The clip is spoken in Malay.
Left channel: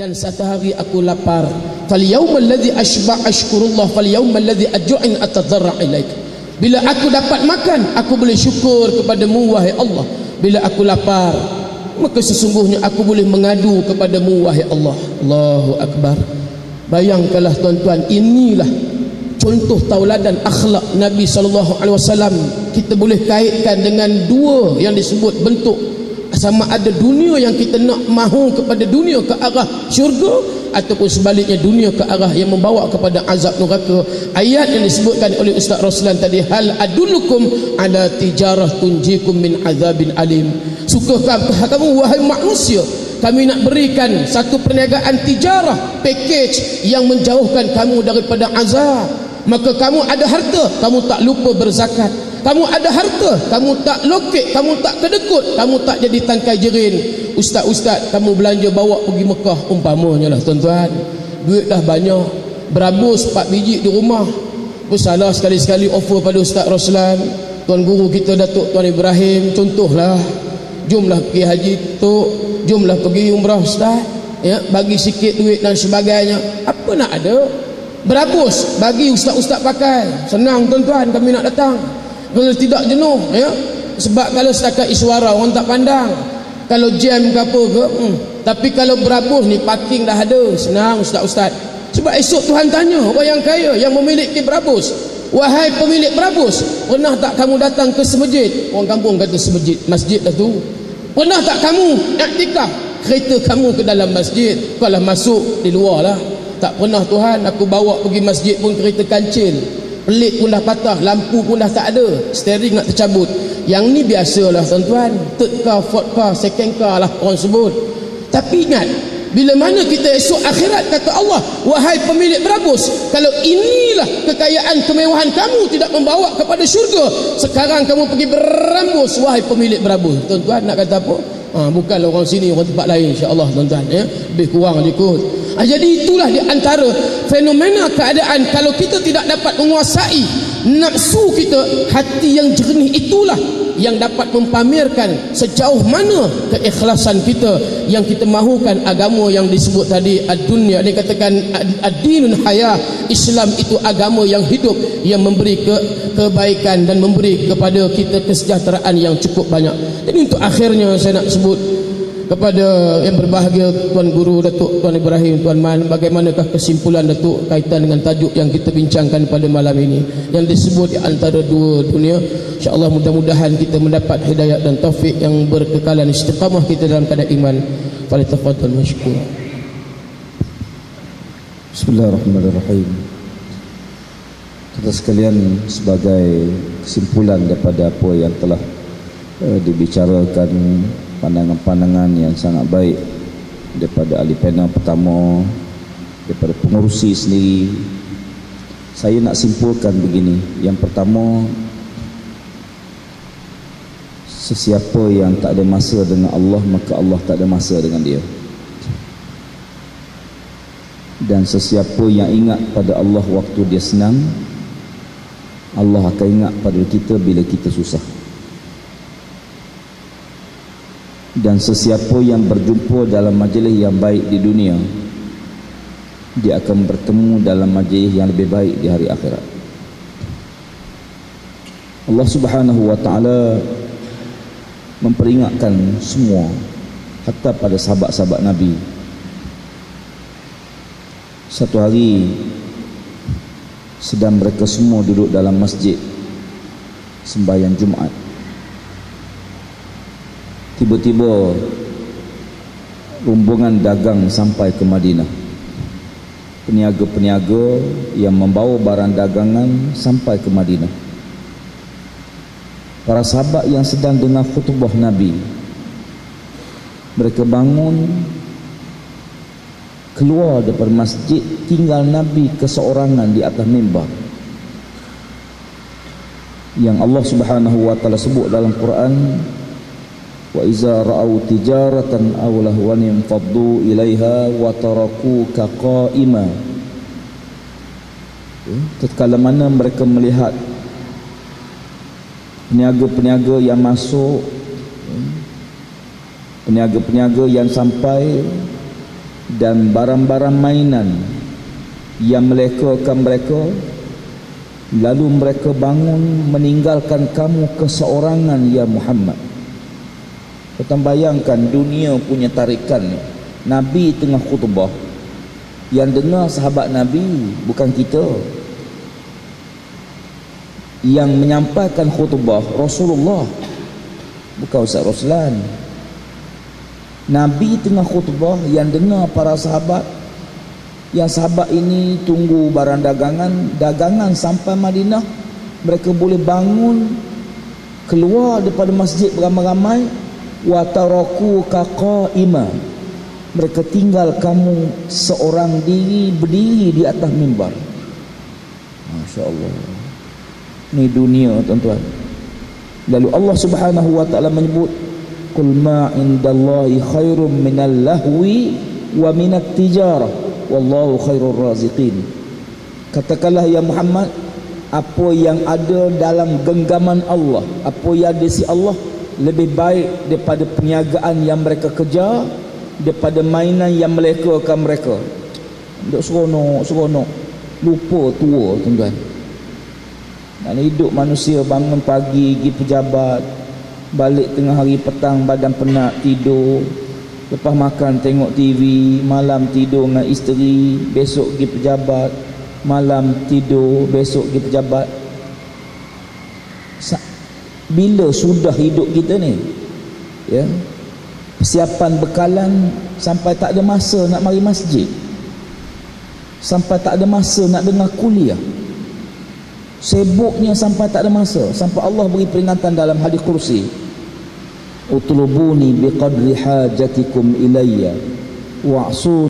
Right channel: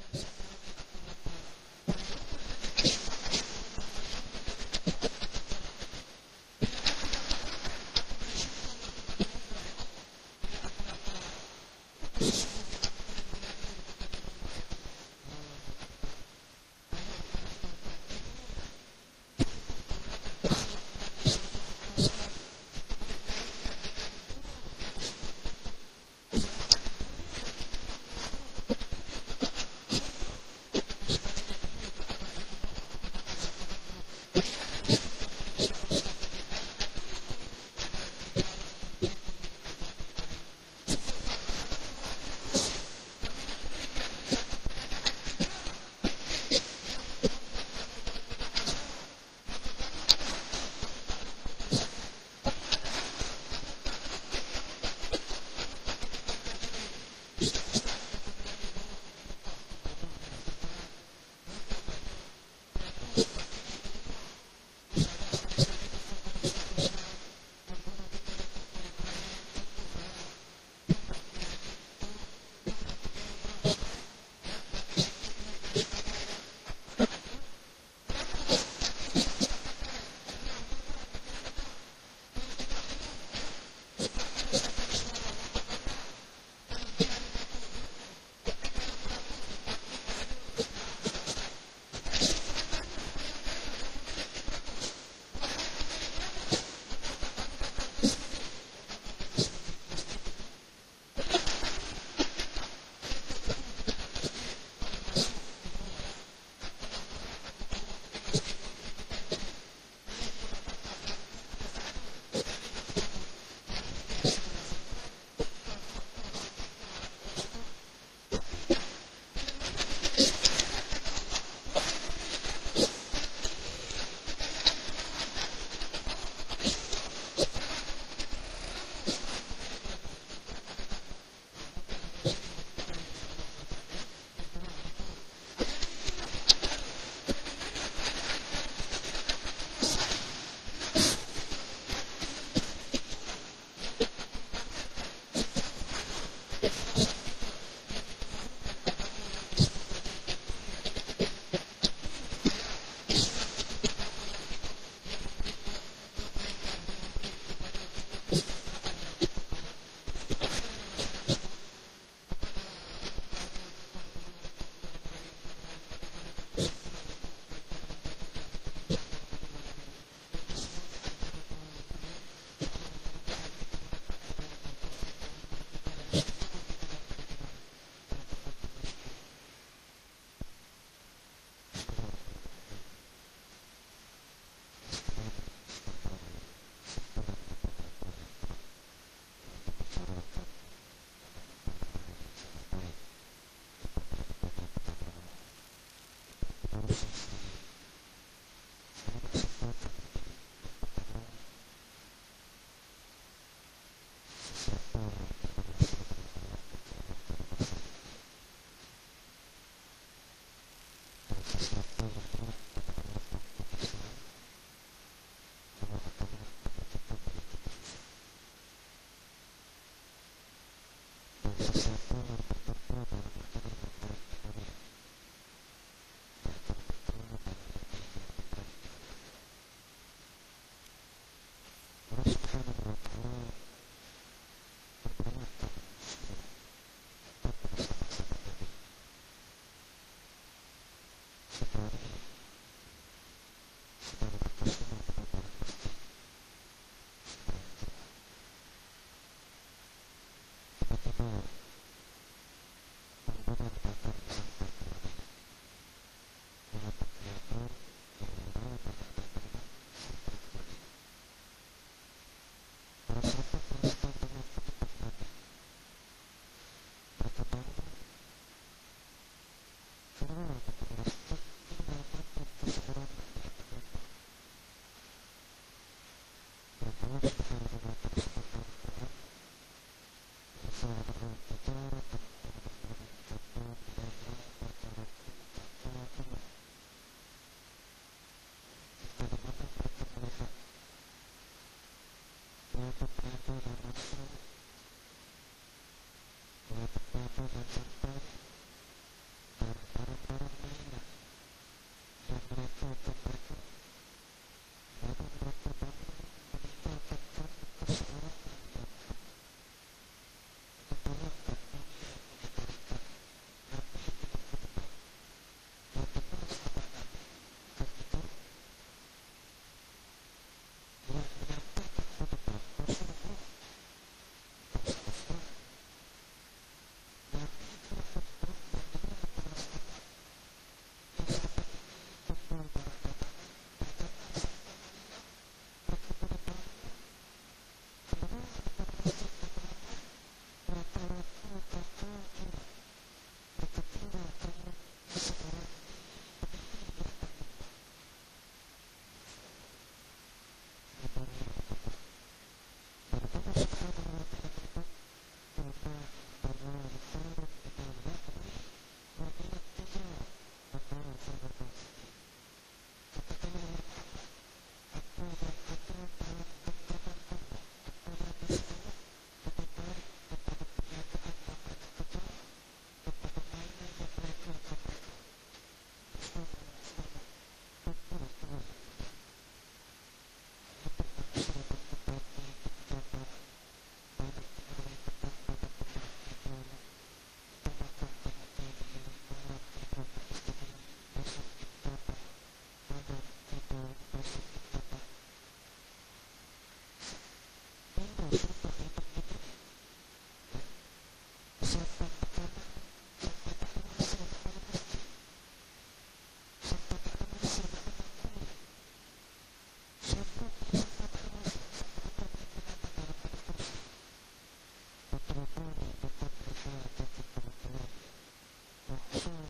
dan satu hari aku lapar. Fal yaumal ladzi ashba' ashkurullah, fal yaumal ladzi aj'in atadarra ilaik. Bila aku dapat makan, aku boleh syukur kepadamu wahai Allah. Bila aku lapar, maka sesungguhnya aku boleh mengadu kepadamu wahai Allah. Allahu akbar. Bayangkanlah tuan-tuan, inilah contoh tauladan akhlak Nabi SAW. Kita boleh kaitkan dengan dua yang disebut bentuk, sama ada dunia yang kita nak mahu kepada dunia ke arah syurga, ataupun sebaliknya dunia ke arah yang membawa kepada azab neraka. Ayat yang disebutkan oleh Ustaz Roslan tadi, hal adullukum ala tijarah tunjikum min azabin alim. Sukakah kamu wahai manusia, kami nak berikan satu perniagaan tijarah, package yang menjauhkan kamu daripada azab. Maka kamu ada harta, kamu tak lupa berzakat. Kamu ada harta, kamu tak lokek, kamu tak kedekut, kamu tak jadi tangkai jerin. Ustaz-ustaz, kamu belanja bawa pergi Mekah umpamanya lah tuan-tuan. Duit dah banyak, berabus 4 biji di rumah. Salah sekali-sekali offer pada Ustaz Roslan, tuan guru kita Datuk Tuan Ibrahim, contohlah, jomlah pergi haji Tok, jomlah pergi umrah Ustaz, ya, bagi sikit duit dan sebagainya. Apa nak ada? Berabus, bagi ustaz-ustaz pakai. Senang tuan-tuan, kami nak datang. Kalau tidak jenuh, ya. Sebab kalau setakat iswara orang tak pandang. Kalau jam ke apa ke, tapi kalau berabus ni parking dah ada. Senang ustaz-ustaz. Sebab esok Tuhan tanya orang yang kaya yang memiliki berabus, wahai pemilik berabus, pernah tak kamu datang ke semajid? Orang kampung kata semajid, masjid dah tu. Pernah tak kamu iktikaf? Kereta kamu ke dalam masjid, kalau masuk di luar lah. Tak pernah Tuhan, aku bawa pergi masjid pun kereta kancil, pelik pun dah patah, lampu pun dah tak ada, steering nak tercabut. Yang ni biasalah tuan-tuan, third car, fourth car, second car lah orang sebut. Tapi ingat, bila mana kita esok akhirat, kata Allah, wahai pemilik berabus, kalau inilah kekayaan kemewahan kamu tidak membawa kepada syurga, sekarang kamu pergi berambus wahai pemilik berabus. Tuan-tuan nak kata apa? Bukanlah orang sini, orang tempat lain, insya-Allah tuan-tuan, ya. Lebih kurang ikut. Jadi itulah di antara fenomena keadaan kalau kita tidak dapat menguasai nafsu kita, hati yang jernih itulah yang dapat mempamerkan sejauh mana keikhlasan kita yang kita mahukan agama yang disebut tadi ad-dunya. Dia katakan ad-dinun hayah, Islam itu agama yang hidup, yang memberi kebaikan dan memberi kepada kita kesejahteraan yang cukup banyak. Jadi untuk akhirnya saya nak sebut kepada yang berbahagia Tuan Guru Datuk Tuan Ibrahim, Tuan Man, bagaimanakah kesimpulan Datuk kaitan dengan tajuk yang kita bincangkan pada malam ini yang disebut di antara dua dunia. InsyaAllah mudah-mudahan kita mendapat hidayah dan taufik yang berkekalan istiqamah kita dalam keadaan iman. Falyatafadhal mashkur. Bismillahirrahmanirrahim. Kita sekalian, sebagai kesimpulan daripada apa yang telah dibicarakan, pandangan-pandangan yang sangat baik daripada ahli panel pertama, daripada pengurusi sendiri, saya nak simpulkan begini. Yang pertama, sesiapa yang tak ada masa dengan Allah, maka Allah tak ada masa dengan dia. Dan sesiapa yang ingat pada Allah waktu dia senang, Allah akan ingat pada kita bila kita susah. Dan sesiapa yang berjumpa dalam majlis yang baik di dunia, dia akan bertemu dalam majlis yang lebih baik di hari akhirat. Allah Subhanahu wa ta'ala memperingatkan semua, hatta pada sahabat-sahabat Nabi. Satu hari sedang mereka semua duduk dalam masjid sembahyang Jumaat, tiba-tiba rombongan dagang sampai ke Madinah. Peniaga-peniaga yang membawa barang dagangan sampai ke Madinah. Para sahabat yang sedang dengar khutbah Nabi, mereka bangun, keluar daripada masjid, tinggal Nabi keseorangan di atas mimbar. Yang Allah Subhanahu wa ta'ala sebut dalam Quran, wa iza ra'au tijaratan aw lahwan faddu ilaiha wa tarakuka qa'ima. Tatkala mana mereka melihat peniaga-peniaga yang masuk, peniaga-peniaga yang sampai, dan barang-barang mainan yang melekakan mereka, lalu mereka bangun meninggalkan kamu keseorangan ya Muhammad. Kita bayangkan dunia punya tarikan ni. Nabi tengah khutbah, yang dengar sahabat Nabi bukan kita, yang menyampaikan khutbah Rasulullah, bukan Ustaz Roslan. Nabi tengah khutbah, yang dengar para sahabat. Yang sahabat ini tunggu barang dagangan sampai Madinah. Mereka boleh bangun, keluar daripada masjid beramai-ramai. Wa taraku ka qaima, mereka tinggal kamu seorang diri berdiri di atas mimbar. Masya-Allah. Ni dunia tuan-tuan. Lalu Allah Subhanahu wa taala menyebut, qul ma indallahi khairum minal lahwi wa minat tijarah wallahu khairur raziqin. Katakanlah ya Muhammad, apa yang ada dalam genggaman Allah, apa yang ada di sisi Allah lebih baik daripada perniagaan yang mereka kejar, daripada mainan yang melekakan mereka. Duk seronok, lupa tua tuan-tuan. Dan hidup manusia bangun pagi pergi pejabat, balik tengah hari petang badan penat tidur, lepas makan tengok TV, malam tidur dengan isteri, besok pergi pejabat, malam tidur, besok pergi pejabat. Bila sudah hidup kita ni, ya, persiapan bekalan sampai tak ada masa nak mari masjid, sampai tak ada masa nak dengar kuliah, sibuknya sampai tak ada masa, sampai Allah beri peringatan dalam hadis kursi, utlubuni biqadri hajatikum ilayya wa'su